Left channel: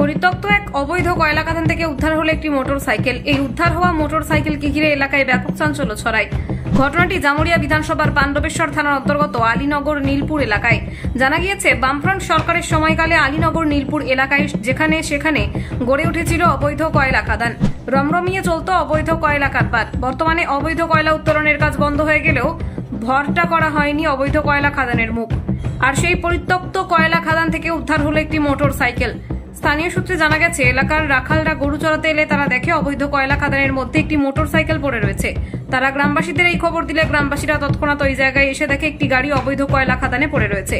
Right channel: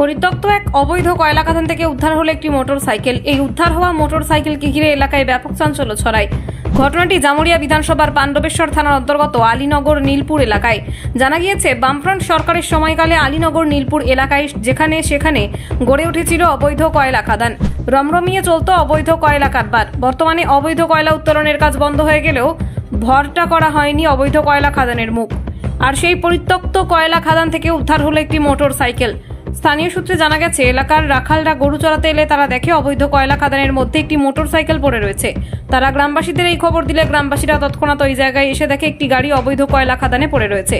পরিত্যক্ত এক অবৈধ কয়লা খাদান থেকে উদ্ধার হলো একটি মোটরসাইকেল। এই উদ্ধার হওয়া মোটরসাইকেলকে ঘিরে এলাকায় ব্যাপক চাঞ্চল্য ছড়ায়। ঘটনাটি জামুরিয়া বিধানসভার পাণ্ডবেশ্বর থানার অন্তর্গত আলীনগর নীলপুর এলাকায়। জানা গিয়েছে, বামফ্রন্ট সরকারের সময়কালে আলীনগর নীলপুর এলাকায় যেখানে সেখানে গড়ে উঠেছিল অবৈধ কয়লা খাদান। রমরমিয়ে চলত অবৈধ কয়লা কারবার। বর্তমানে অবৈধ কয়লা উত্তোলনের কাজ বন্ধ হয়ে গেলেও ভরটা করা হয়নি অবৈধ কয়লা খাদানের মুখ। আর সেই পরিত্যক্ত কয়লা খাদান থেকে উদ্ধার হলো একটি মোটরসাইকেল। স্থানীয় সূত্রে জানা গেছে, এলাকার রাখালরা গরু চড়াতে এলে তারা দেখে অবৈধ কয়লা খাদানের মধ্যে একটি মোটরসাইকেল পড়ে রয়েছে। তারা গ্রামবাসীদের এই খবর দিলে গ্রামবাসীরা তৎক্ষণাৎ ওই জায়গায় এসে দেখে একটি গাড়ি অবৈধ কয়লা খাদানে পড়ে রয়েছে।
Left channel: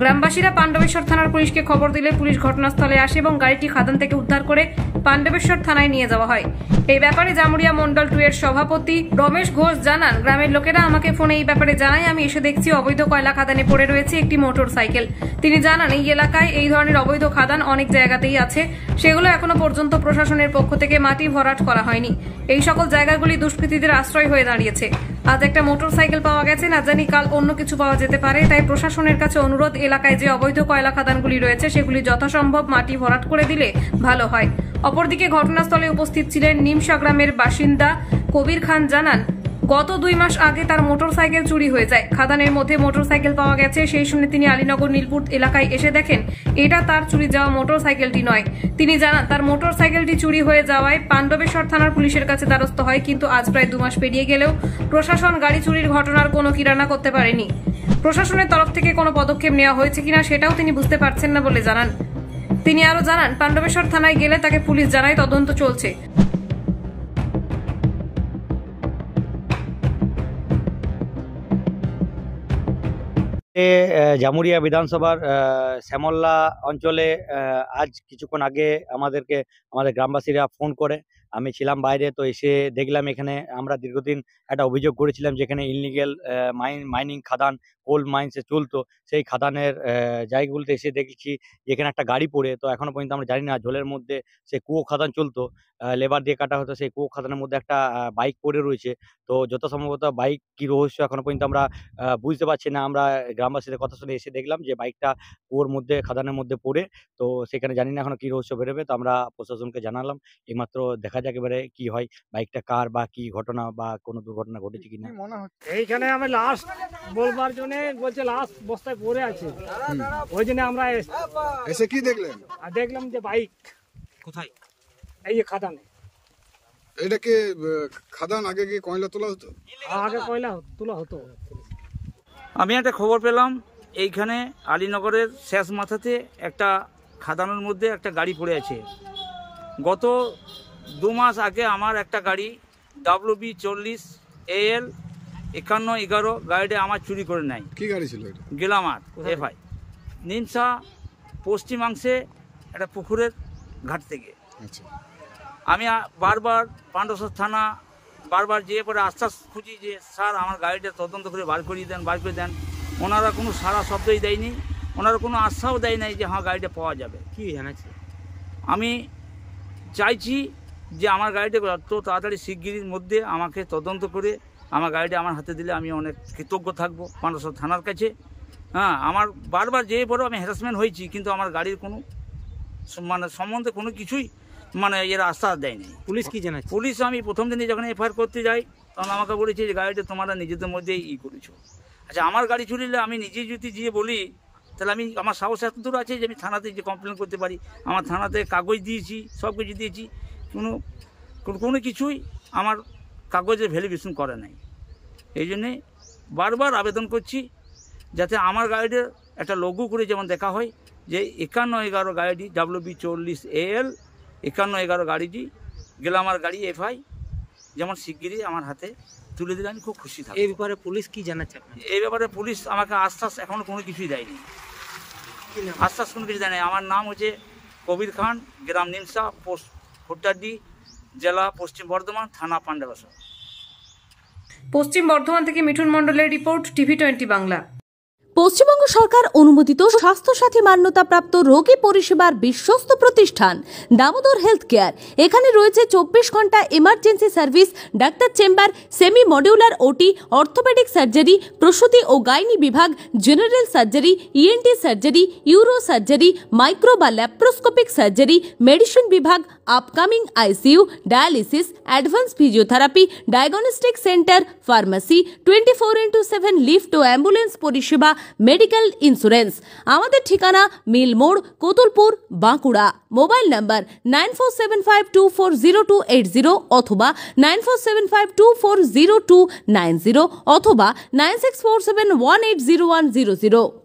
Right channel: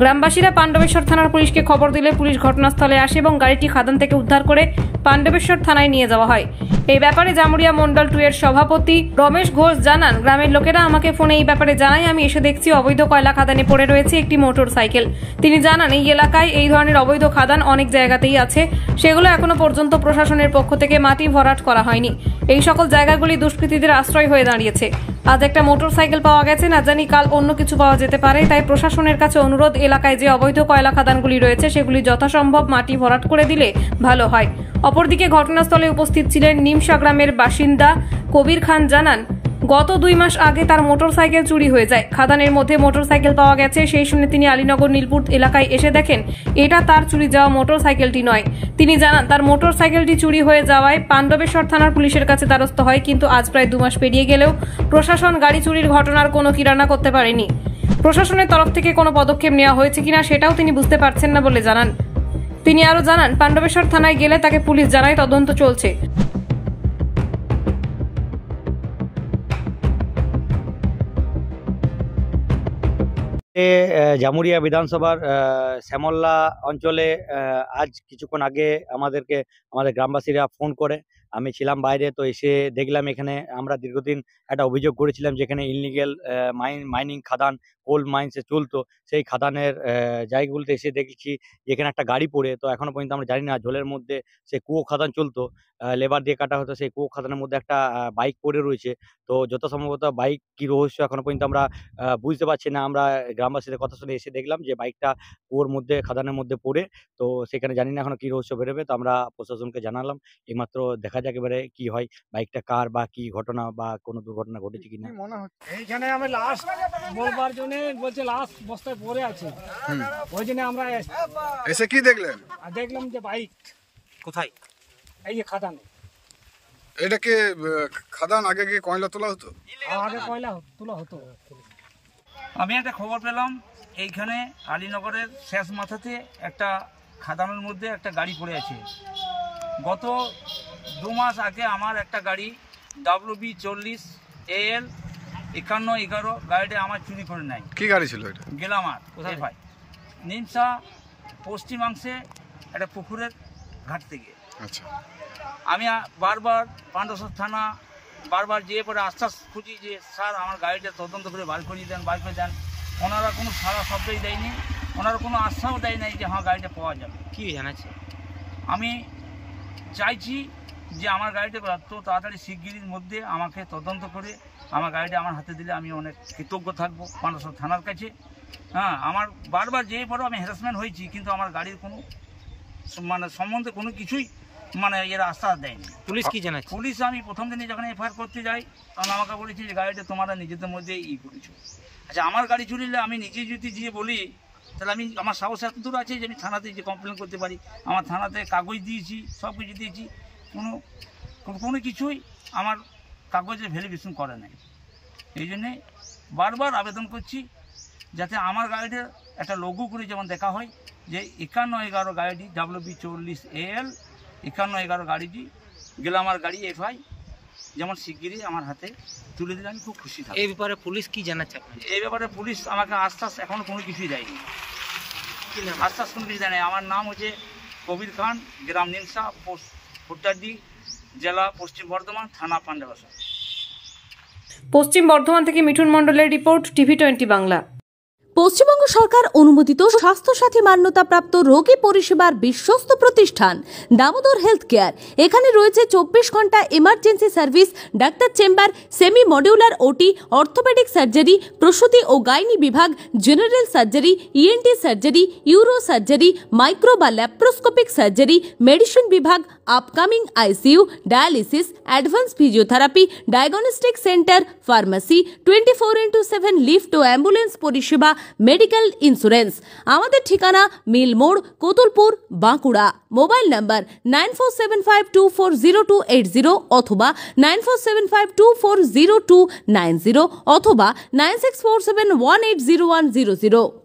গ্রামবাসীরা পাণ্ডবেশ্বর থানার পুলিশকে খবর দিলে পুলিশ ঘটনাস্থলে আসে এবং গাড়িটি খাদান থেকে উদ্ধার করে পাণ্ডবেশ্বর থানায় নিয়ে যাওয়া হয়। এই ব্যাপারে জামুরিয়া মন্ডল 2 এর সভাপতি রমেশ ঘোষ জানান, গ্রামের লোকেরা আমাকে ফোনে এই ব্যাপারে জানায়। আমি এসে দেখছি অবৈধ কয়লা খাদানে পড়ে রয়েছে একটি মোটরসাইকেল। তিনি জানান, এই এলাকায় এই ধরনের অবৈধ খাদান অনেক জায়গাতেই আছে, সেগুলো এখনো পর্যন্ত প্রশাসনের পক্ষ থেকে মাটি ভরাট করা হয়নি। এই সকল জায়গাগুলি দুষ্কৃতীদের আশ্রয় হয়ে দাঁড়িয়েছে। আজ একটা মোটরসাইকেল পাওয়া গেছে, না জানি কাল অন্য কিছু পাওয়া যেতে পারে। তাই প্রশাসনের কাছে অনুরোধ, এলাকায় যে অবৈধ কয়লা খাদানগুলি রয়েছে সেগুলি যথাসম্ভব মাটি ভরাট করে দিলে ভালো হয়। অপরদিকে ঘটনাস্থলে উপস্থিত ছিলেন নিমসা গ্রামের বাসিন্দা কবির খান। জানান, গত 2 মাস আগে তার মোটরসাইকেল চুরি হয়ে যায়। খাদানের মধ্যে মোটরসাইকেল পাওয়া গেছে, সেই শুনে তিনি আলীনগর নীলপুর এলাকায় এসে দেখেন এটা তার চুরি যাওয়া মোটরসাইকেলটি নয়। তিনি জানান, তার মোটরসাইকেলটি চুরি হয়ে যাওয়ায় পাণ্ডবেশ্বর থানার পুলিশের কাছে দ্বারস্থ হয়, কিন্তু আজ প্রায় 2 মাস পেরিয়ে গেলেও প্রশাসন গাড়ি চুরির ঘটনার কোনো কিরানা করতে পারেনি। প্রশাসনের তরফ থেকে কোনো পদক্ষেপ নেওয়া হয়েছে কিনা সেটাও তিনি বুঝতে পারছেন না বলে জানান। তিনি আরো জানান, পাণ্ডবেশ্বর থানায় গেলে তাকে পুলিশ জানায় তদন্ত চলছে। জামুরিয়া বিধানসভার শ্যামল্লা অঞ্চলে আজ কিছুক্ষণ আগে আমাদের গ্রামবাসীরা ফোন করে, আমি ছিলাম বাইরে, তো এসে দেখলাম এখানে আমরা দীর্ঘদিন একটা অভিযোগ করেছিলাম যেখানে ইললিগেল মাইনিং খাদান কোল মাইন্সে চলতো। সেই খাদানের জায়গাগুলোতে এসে দেখছি যেখানে একটা গাড়ি পড়ে, তো এখনো পর্যন্ত আমরা জানি না জলের মধ্যে সে কুয়ো খাদান চলতো, লেবার দিয়ে কাটা হতো। সেই কুয়ো খাদানের মধ্যে একটা বাইক পড়ে রয়েছে। তো যত সম্ভবত বাইক কি রহস্য এখনো পর্যন্ত আমরা বুঝতে পারছি না। আমরা গ্রামবাসীদের কথা শুনে এসে দেখলাম যে বাইকটা কুয়োর মধ্যে খাদানের মধ্যে পড়ে, তো সেখানে জানি না এখনো কি রহস্য বেরোবে। তো আমরা প্রশাসনকে জানালাম, এইমাত্র দেখা যাক এবারে কি হয়, বাইকটা কার বা কি ঘটনা বা কোনো দুর্ঘটনা ঘটেছে কিনা। এইখানে আমি লাশ বলবার জন্য বলছে লাশ বস্তায় পড়ে আছে, ওই জন্য আমরা এসে কি দেখলেন? আর দেখলাম যে বাইক কোথায়? এই যে খাদানে। এটাকে খাদান আগে কি কয়লা তোলা হতো? আগে কয়লা তোলা হতো। আমি একটা খবর পেলাম, এইখানে আলীনগরের শেষ মাথাতে একটা খাদানের মধ্যে একটা গাড়ি পড়ে আছে। গত 2 মাস আগে আমার একটা গাড়ি WB40 AL 5111 গাড়িটা আমার চুরি করে নেয়। কি গাড়ি ছিল এটা? গেলামার ভাই নিমসা পশ্চিমাংশে একটা পুকুরের ঘাট থেকে। আচ্ছা, আমি বারবার পাণ্ডবেশ্বর থানা বারবার যেয়ে পরে আশ্বাস খুঁজি যে স্যার আমার গাড়িটা তদন্ত করে বার করে দেন। ওনারা কোনো সারা শব্দই দেয়নি, ওনারা কোনো আশ্বাসও দেয় নাই যে হ্যাঁ গাড়িটা পাওয়া যাবে। কি জানাচ্ছে? আমি চাইছি যে আমার গাড়িটা এত তাড়াতাড়ি শিগগিরির মধ্যে আমাকে তদন্ত করে আমার গাড়িটা আমার হাতে দিলে আমি অনেক কৃতজ্ঞ থাকবো পাণ্ডবেশ্বর থানার কাছে। হ্যাঁ, আমার বারবার যেয়ে পরেও আমি হ্যারাসমেন্ট হয়েছি, কিন্তু আমার গাড়ির কোনো সম্বন্ধে কোনো কিছুই এরা আশ্বাস দেয়নি। পুলিশ কি জানাচ্ছে? পুলিশ আমি প্রথম দিনে যখন এফআইআর করতে যাই তখন আমাকে বলেছে যে গাড়িটা তোমরা নিজেদের মধ্যেই করেছো। আচ্ছা, আমার গাড়ি চুরিলে আমি নিজে যদি গিয়ে বলি, তাহলে আমার সাহস এত দূর আছে যে আমি থানাতে যে কমপ্লেন করতে পারি। আমার থানাতে কাগজ দিয়েছি, সব কিছু দিয়েছি, কোনো কিছুই আমার কাগজের ভ্যালিডেশন করে নাই। এই জন্যে বারবার আবেদন করছি যাতে আমার গাড়িটা একটা লঘু করে যেমন দেখা হয় যে 5111 গাড়িটি WB40 AL 5111 গাড়িটি গেলামার গাড়ি FI যেমন শিগগিরই আমার হাতে তুলে দিলে আমি খুব খুশি থাকি। এই ব্যাপারে পুলিশ কি জানাচ্ছে? এই ব্যাপারে পুলিশ আমাকে আশ্বাস এখনো কোনো কিছুই দেয়নি, আশ্বাস কোনো কিছু দেয়নি। আমার নাম হচ্ছে কবির খান, গ্রাম নিমসা, পোস্ট খুট্টাডি, জেলা পশ্চিম বর্ধমান, থানা পাণ্ডবেশ্বর। পশ্চিম বর্ধমান থেকে মিঠুন মণ্ডলের রিপোর্ট, TV20 বাংলা। পশ্চিমবঙ্গ সরকার অনুমোদিত স্বাস্থ্যসাথী মান্যতাপ্রাপ্ত রোগী পরিষেবার বিশ্বস্ত প্রতিষ্ঠান দামোদর হেলথ কেয়ার। এখানে রয়েছে 24 ঘন্টা emergency service, doctor chamber, semi modular OT, orthopaedic surgery, প্রসূতি ও গাইনি বিভাগ, general surgery, ENT surgery, uro surgery, micro বা ল্যাপ্রোস্কোপিক সার্জারি, মেডিসিন বিভাগ, upcoming ICU, dialysis, advance physiotherapy, diagnostic centre, pharmacy, 24x7 lift ও ambulance পরিষেবা, medical insurance. আমাদের ঠিকানা মিল মোড়, কোতুলপুর, বাঁকুড়া। মোবাইল নাম্বার 9475240280 অথবা 9475240290 অথবা 9647180100।